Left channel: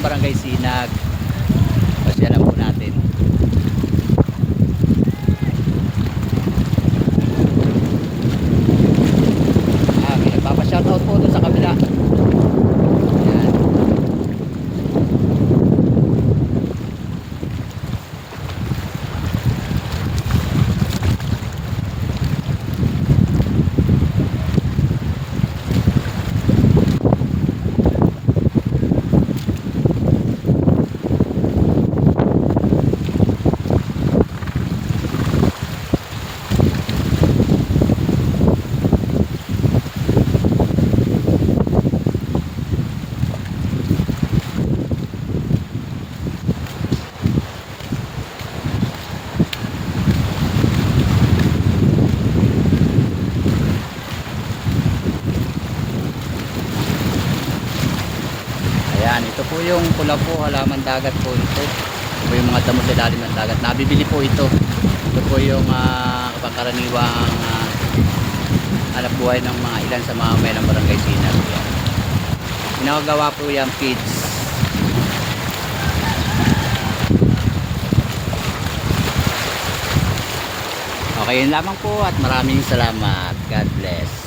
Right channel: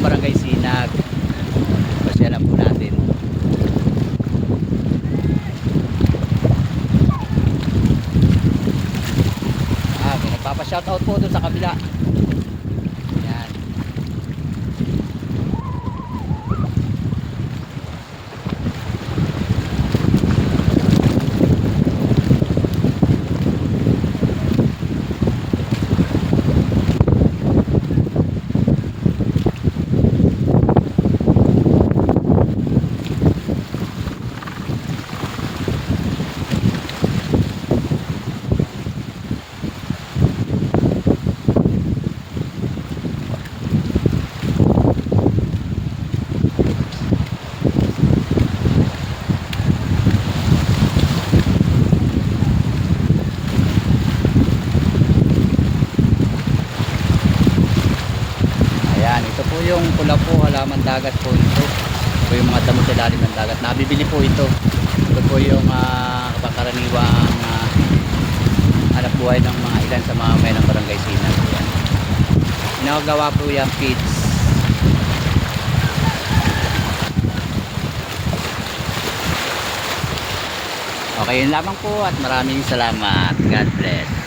Barangay Sinag. Pasyalan po natin. May nagpapa-shoutout po doon sa kabila. Ayan. Ayan, ito po yung pula po, halaman dagat po ito. Ito po yung mga damo sa ilalim ng dagat. Nabibili po ito. Ito po yung pangkaraniwang hanap buhay ng mga ilan sa mga may ng Barangay Sinag. Ayan. Pinakagawa po yung feeds. Okay, yun lamang po at maraming salamat. God bless.